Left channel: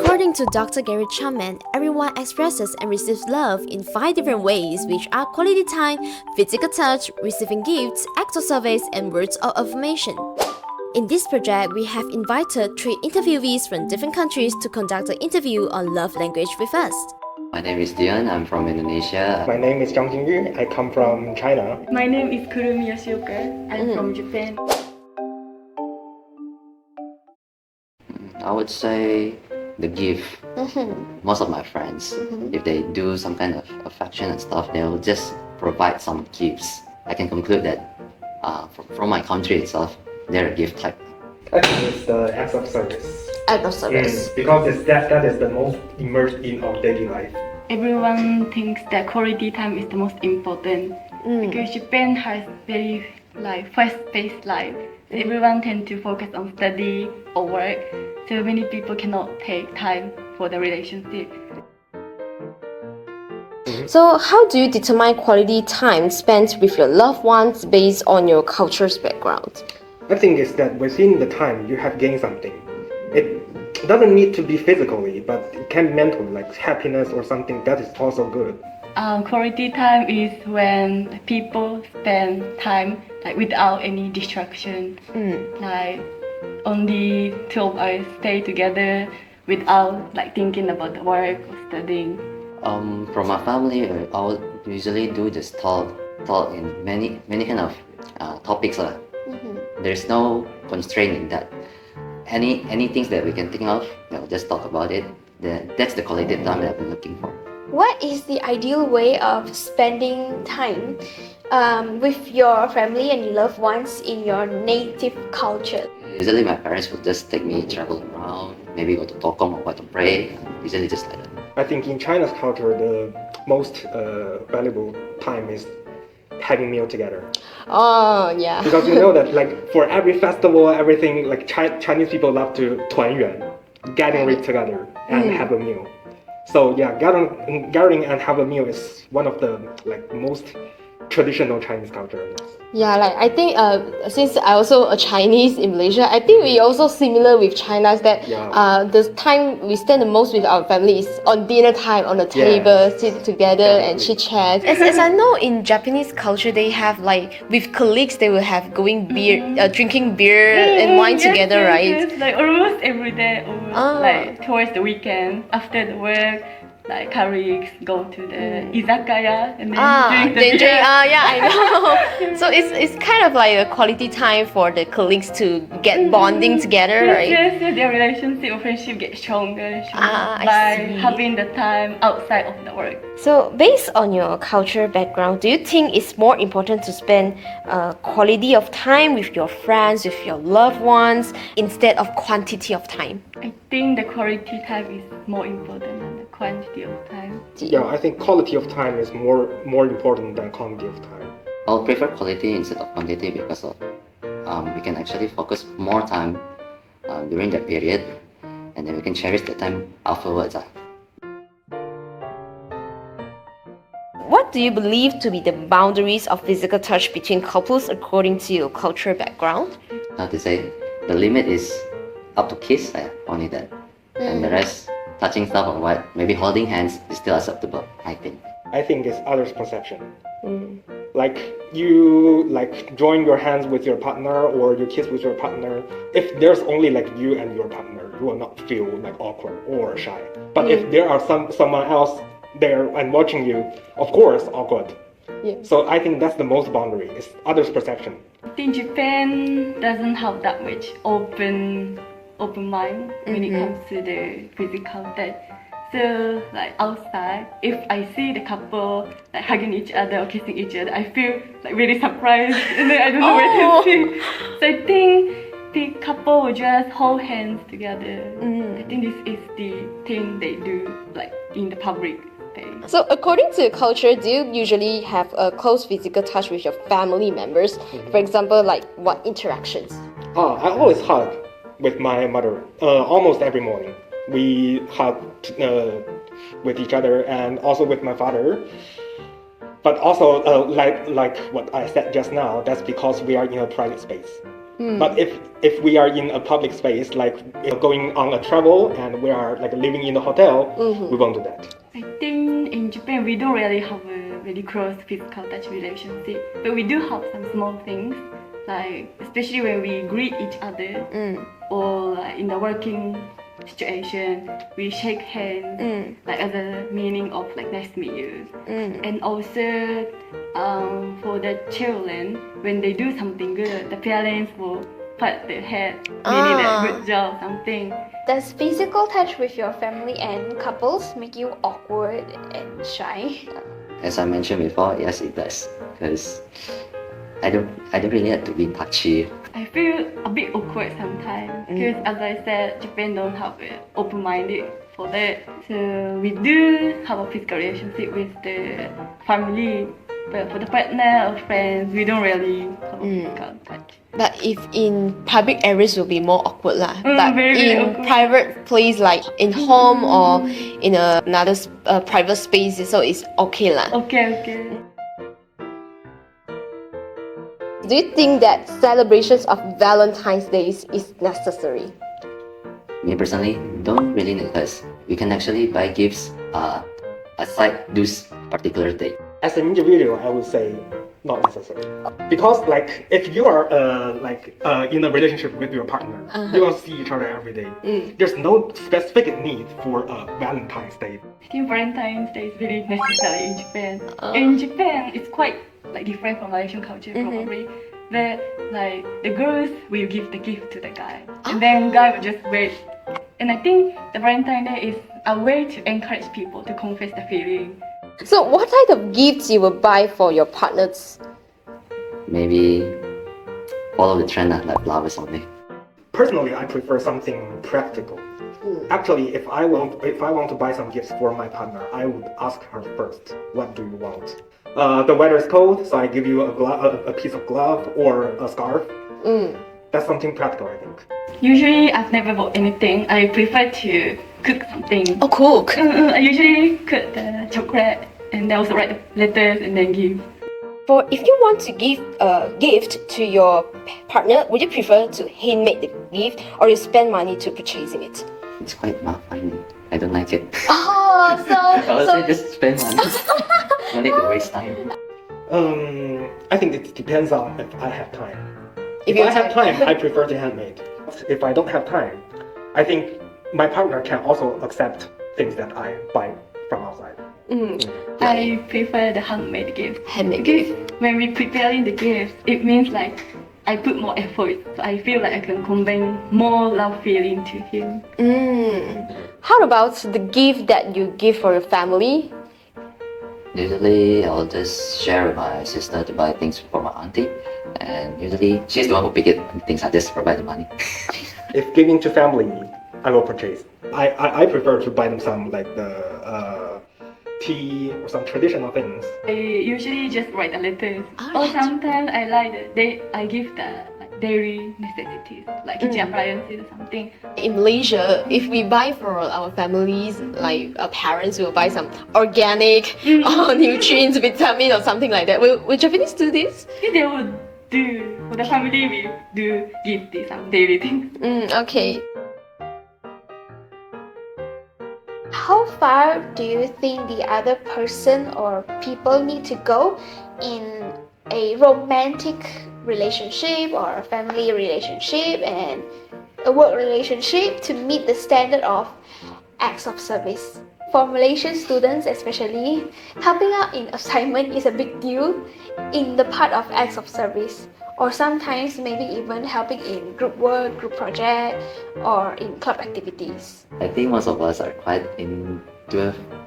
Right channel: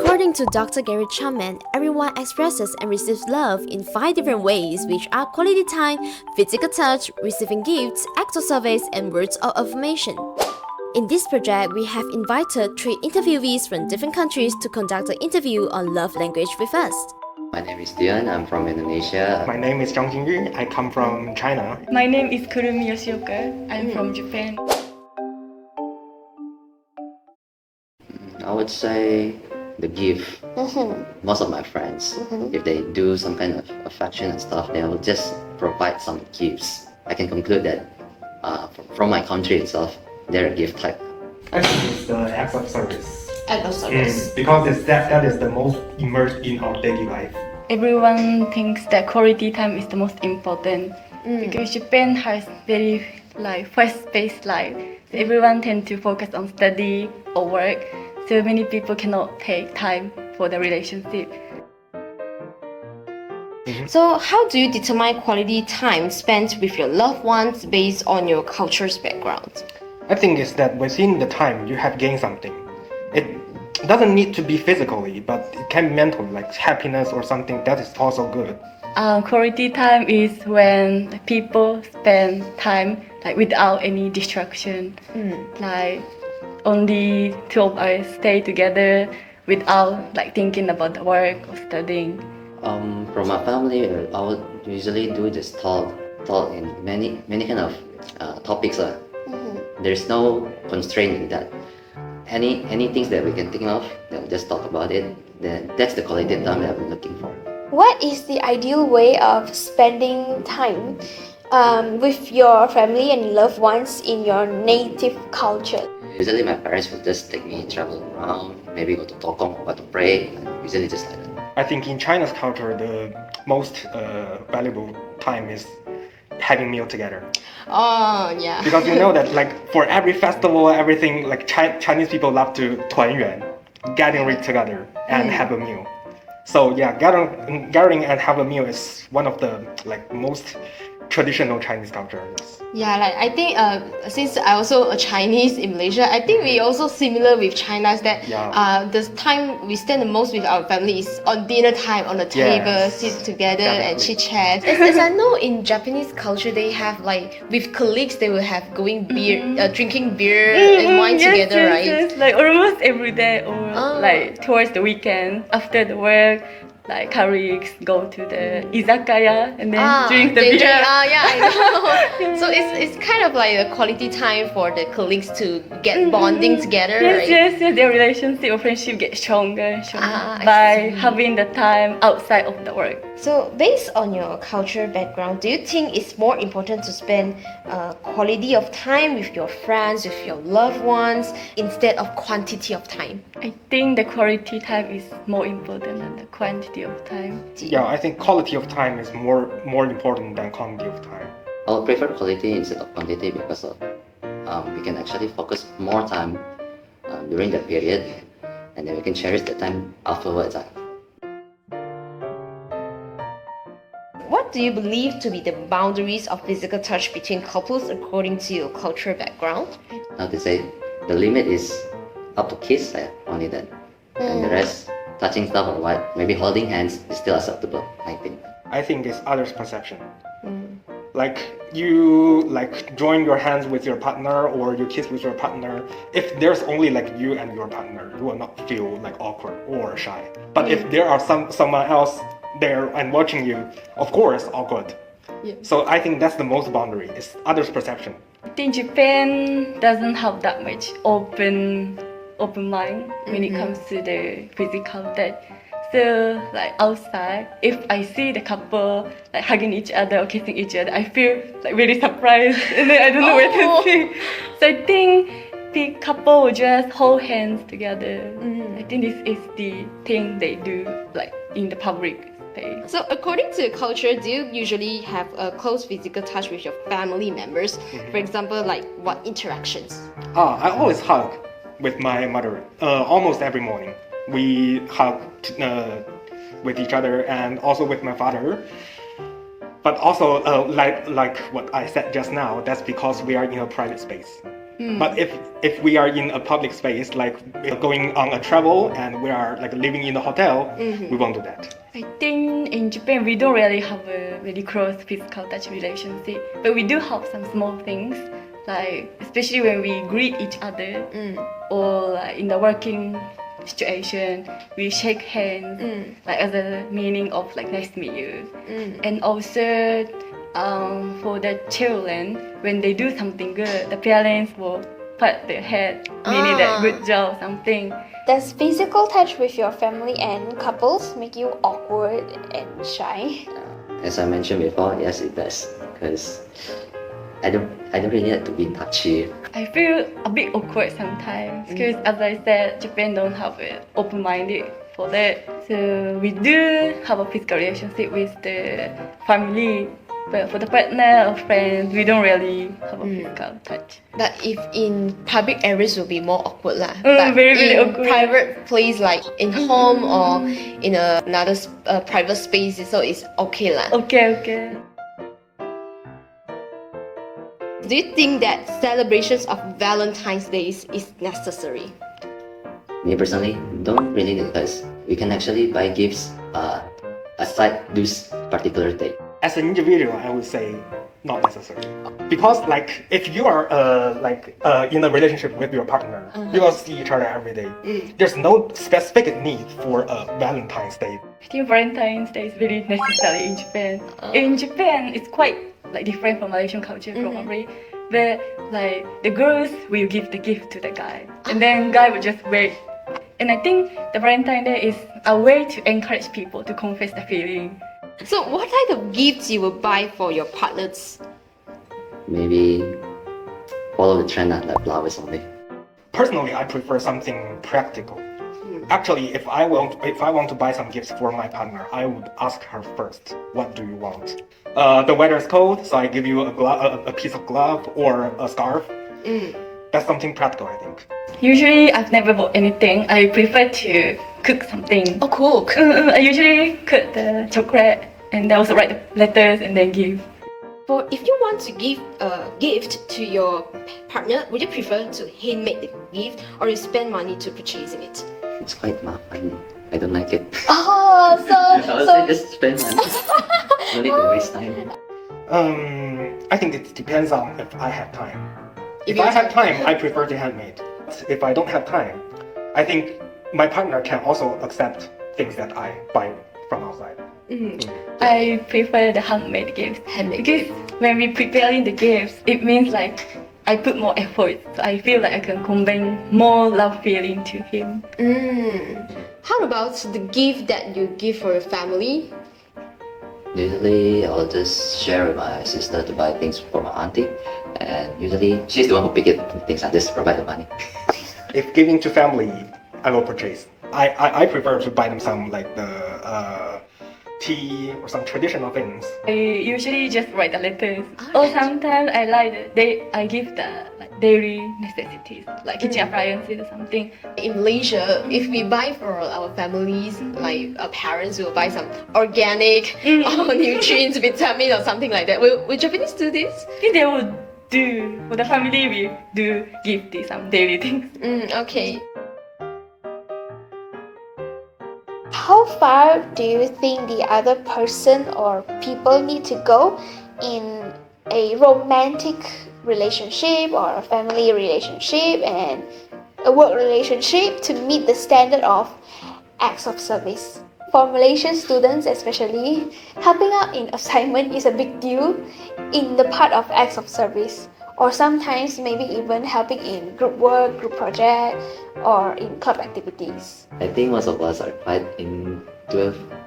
According to Dr. Gary Chapman, everyone expresses and receives love in 5 different ways, which are quality time, physical touch, receiving gifts, acts of service, and words of affirmation. In this project, we have invited 3 interviewees from different countries to conduct an interview on love language with us. My name is Dion, I'm from Indonesia. My name is Zhang Jingyu, I come from China. My name is Kurumi Yoshioka. I'm from Japan. I would say the gift. Most of my friends, if they do some kind of affection and stuff, they'll just provide some gifts. I can conclude that from my country itself, they're a gift type. I think it's the acts of service. Act of service. Because that is the most immersed in our daily life. Everyone thinks that quality time is the most important because Japan has very fast-paced life. So everyone tends to focus on study or work. So many people cannot take time for the relationship. So, how do you determine quality time spent with your loved ones based on your culture's background? I think it's that within the time you have gained something. It doesn't need to be physically, but it can be mentally, like happiness or something that is also good. Quality time is when people spend time without any distraction. Like only 2 of us stay together without thinking about the work or studying. From my family, I would usually do this talk in many kind of topics. There's no constraint in that. Any things that we can think of, we'll just talk about it. That's the quality time that I'm looking for. What is the ideal way of spending time with your family and loved ones in your native culture? Usually my parents would just take me travel around, maybe go to Tokong or go to pray. Usually just like that. I think in China's culture, the most valuable time is having meal together. Oh, yeah. Because you know that for every festival, everything, Chinese people love to 团圆, gathering together and have a meal. So yeah, gathering and have a meal is one of the most traditional Chinese cultures. Yeah, I think since I also a Chinese in Malaysia, I think we also similar with China's that the time we spend the most with our family is on dinner time on the table, sit together and chit chat. As I know in Japanese culture, they have with colleagues they will have drinking beer and wine together, right? Yes, almost every day or towards the weekend after the work. Colleagues go to the izakaya and then drink the beer. Yeah, I know. So it's kind of like a quality time for the colleagues to get bonding together, right? Yes, their relationship or friendship gets stronger by having the time outside of the work. So based on your cultural background, do you think it's more important to spend quality of time with your friends, with your loved ones, instead of quantity of time? I think the quality time is more important than the quantity of time. Yeah, I think quality of time is more important than quantity of time. I'll prefer quality instead of quantity because we can actually focus more time during that period, and then we can cherish the time afterwards. What do you believe to be the boundaries of physical touch between couples according to your cultural background? How to say, the limit is up to kiss, only that. And the rest, touching stuff or what, maybe holding hands is still acceptable, I think. I think it's others' perception. You join your hands with your partner or you kiss with your partner. If there's only you and your partner, you will not feel awkward or shy. But if there are someone else there and watching you, of course, awkward. So I think that's the most boundary, is others' perception. I think Japan doesn't have that much open mind when it comes to the physical touch. So outside, if I see the couple hugging each other or kissing each other, I feel very surprised and then I don't know where to see. So I think the couple will just hold hands together. I think this is the thing they do in the public space. So according to your culture, do you usually have a close physical touch with your family members? For example, what interactions? I always hug with my mother almost every morning. We hug with each other and also with my father. But also, like what I said just now, that's because we are in a private space. But if we are in a public space, like going on a travel and we are like living in a hotel, we won't do that. I think in Japan we don't really have a very close physical touch relationship, but we do have some small things, like especially when we greet each other or like in the working situation we shake hands like as a meaning of like nice to meet you. And also for the children, when they do something good, the parents will pat their head, meaning that good job, something. Does physical touch with your family and couples make you awkward and shy? As I mentioned before, yes, it does. Because I don't really have to be touchy. I feel a bit awkward sometimes because, as I said, Japan don't have an open-minded for that. So we do have a physical relationship with the family, but for the partner or friends, we don't really have a physical touch. But if in public areas will be more awkward lah. But very in awkward. private place like in home or in another private space, so it's okay lah. Okay. Do you think that celebrations of Valentine's Day is necessary? Me personally, don't really need this. We can actually buy gifts aside this particular day. As an individual, I would say not necessary. Because like if you are in a relationship with your partner, you will see each other every day. There's no specific need for a Valentine's Day. I think Valentine's Day is very necessary in Japan. In Japan, it's quite like different from Malaysian culture probably. But like the girls will give the gift to the guy, and then guy will just wait. And I think the Valentine's Day is a way to encourage people to confess the feeling. So what type of gifts you will buy for your partners? Maybe follow the trend like flowers only. Personally, I prefer something practical. Actually, if I want to buy some gifts for my partner, I would ask her first, what do you want? The weather is cold, so I give you a piece of glove or a scarf. That's something practical, I think. Usually, I've never bought anything. I prefer to cook something. Oh, cook. I usually cook the chocolate and then also write the letters and then give. For if you want to give a gift to your partner, would you prefer to handmade the gift or you spend money to purchasing it? It's quite fun. I don't like it. Oh, I would say just spend money. No need to waste time. I think it depends on if I have time. If If you I have have time, I prefer to handmade. If I don't have time, I think my partner can also accept things that I buy from outside. I prefer the handmade gifts. Handmade Because when we preparing the gifts, it means like I put more effort. So I feel like I can convey more love feeling to him. How about the gift that you give for your family? Usually, I'll just share with my sister to buy things for my auntie. And usually, she's the one who pick it things. I just provide the money. If giving to family, I will purchase. I prefer to buy them some like the tea or some traditional things. I usually just write the letters. Or sometimes I give the like daily necessities, like kitchen appliances or something. In Malaysia, if we buy for our families, like our parents will buy some organic or nutrients, vitamin or something like that. Will Japanese do this? I think they would do, for the family we do give this some daily things. Okay. How far do you think the other person or people need to go in a romantic relationship or a family relationship and a work relationship to meet the standard of acts of service? For Malaysian students especially, helping out in assignment is a big deal in the part of acts of service, or sometimes maybe even helping in group work, group project, or in club activities. I think most of us are quite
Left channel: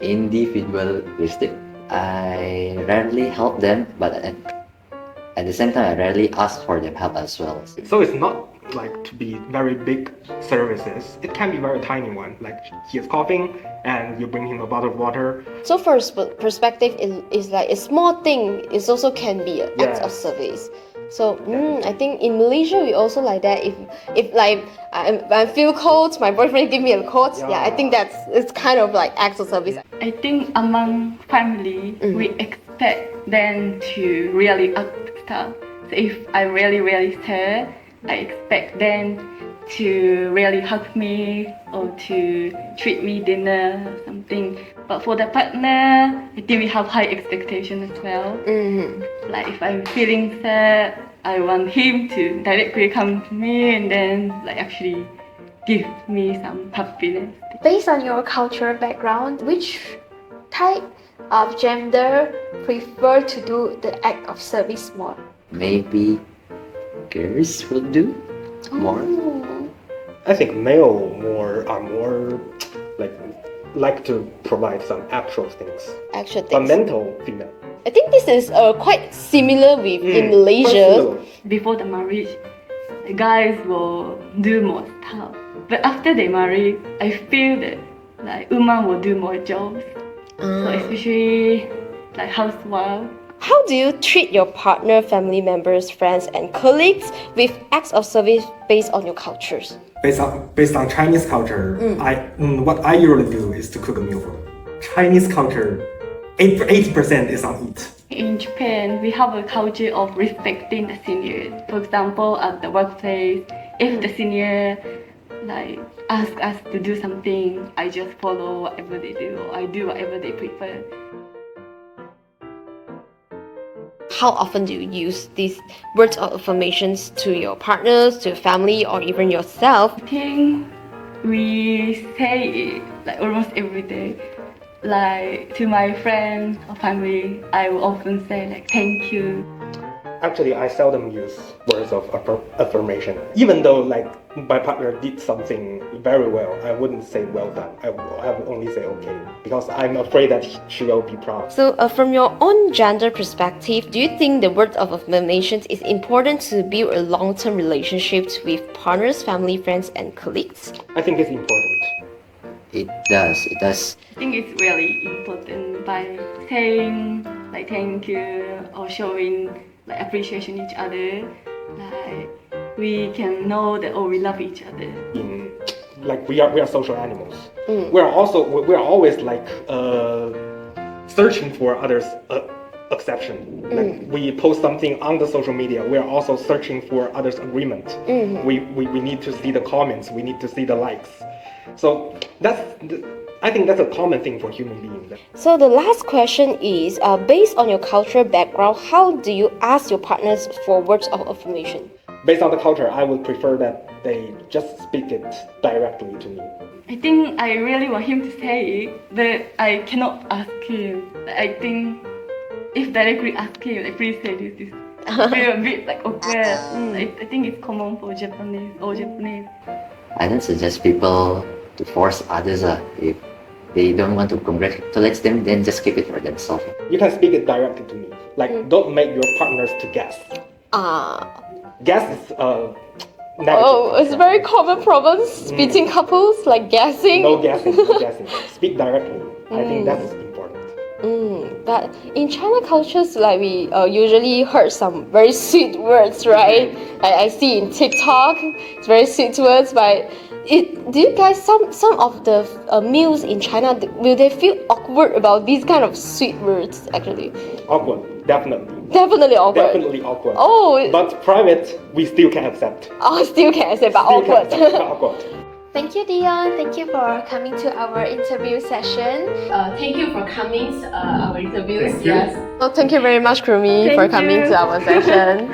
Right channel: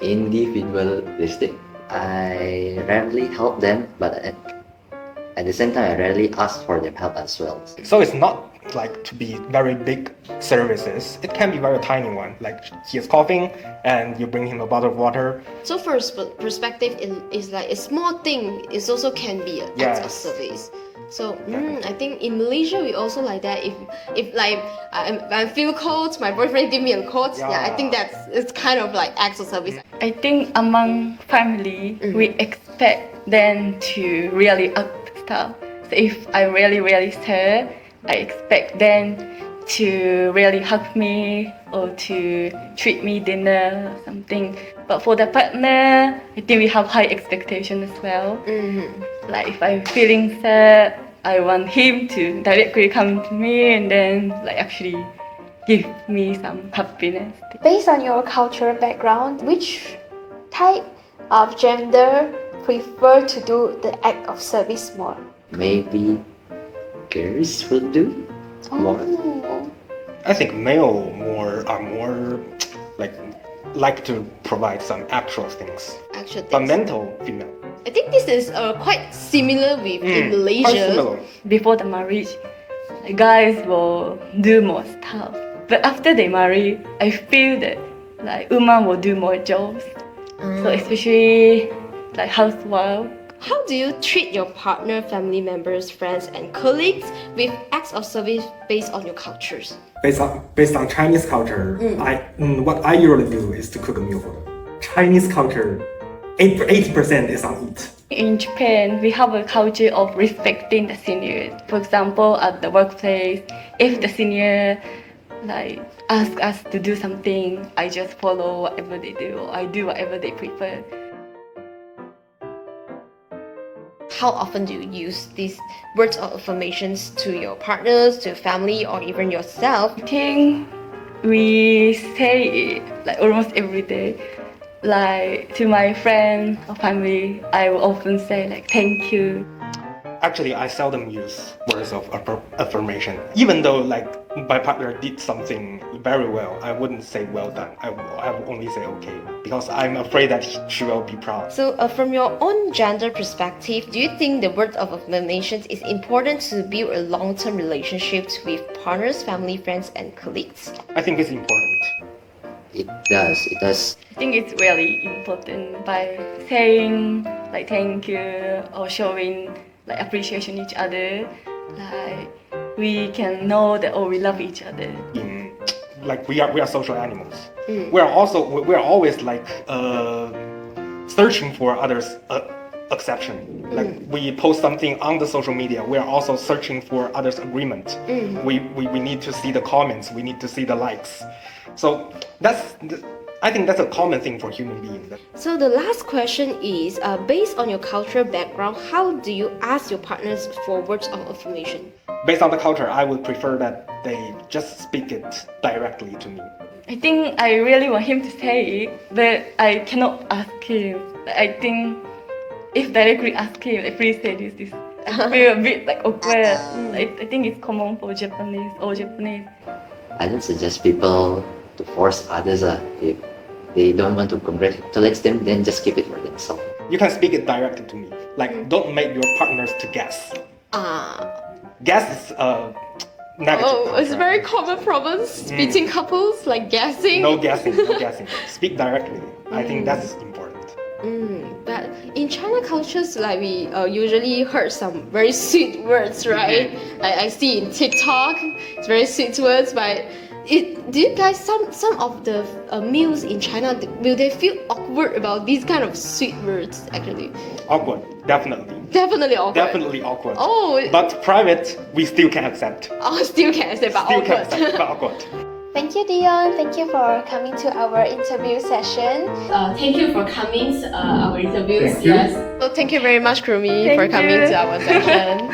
individualistic. I rarely help them, but at the same time, I rarely ask for their help as well. So it's not like to be very big services. It can be very tiny one. Like he is coughing and you bring him a bottle of water. So for perspective, is like a small thing. It also can be an act of Yes. service. So I think in Malaysia we also like that. If like I feel cold, my boyfriend give me a coat. Yeah, I think it's kind of like acts of service. I think among family, we expect them to really up stuff. So if I really sad, I expect them to really hug me or to treat me dinner or something. But for the partner, I think we have high expectation as well. Like if I'm feeling sad, I want him to directly come to me and then like actually give me some happiness. Based on your cultural background, which type of gender prefer to do the act of service more? Maybe girls will do more. Oh. I think male are more like to provide some actual things. Actual But things. mental female. I think this is quite similar with in Quite Malaysia. similar. Before the marriage, the guys will do more stuff. But after they marry, I feel that like women will do more jobs. So especially like housewife. How do you treat your partner, family members, friends, and colleagues with acts of service based on your cultures? Based on Chinese culture, what I usually do is to cook a meal for them. Chinese culture, 80% is on eat. In Japan, we have a culture of respecting the seniors. For example, at the workplace, if the senior like ask us to do something, I just follow whatever they do, or I do whatever they prefer. How often do you use these words of affirmations to your partners, to your family, or even yourself? I think we say it like almost every day. Like to my friends or family, I will often say like thank you. Actually, I seldom use words of affirmation. Even though like my partner did something very well, I wouldn't say well done. I will only say okay, because I'm afraid that she will be proud. So, from your own gender perspective, do you think the word of affirmations is important to build a long-term relationships with partners, family, friends, and colleagues? I think it's important. It does. I think it's really important by saying like thank you or showing like appreciation each other. Like we can know that we love each other. Like we are social animals. We are always like searching for others' acceptance. Like we post something on the social media, we are also searching for others' agreement. We need to see the comments. We need to see the likes. So I think that's a common thing for human beings. So the last question is, based on your cultural background, how do you ask your partners for words of affirmation? Based on the culture, I would prefer that they just speak it directly to me. I think I really want him to say it, but I cannot ask him. I think if directly ask him, like please say this, I feel a bit like awkward. I think it's common for Japanese or Japanese. I don't suggest people to force others. If they don't want to congratulate them, then just keep it for themselves. You can speak it directly to me. Like, don't make your partners to guess. Guess is negative. Oh, it's culture. very common problems between couples, like guessing. No guessing, no guessing. Speak directly. I think that's important. But in China cultures, like we usually heard some very sweet words, right? I see in TikTok, it's very sweet words. But do you guys some of the meals in China, will they feel awkward about these kind of sweet words? Actually, Awkward, definitely. definitely awkward. Definitely awkward. Oh, But private, we still can accept. still can accept, but Still can awkward. accept, but awkward. Thank you, Dion. Thank you for coming to our interview session. Thank you for coming to our interviews. Thank you. Yes. So thank you very much, Krumi, for Thank coming you. to our session.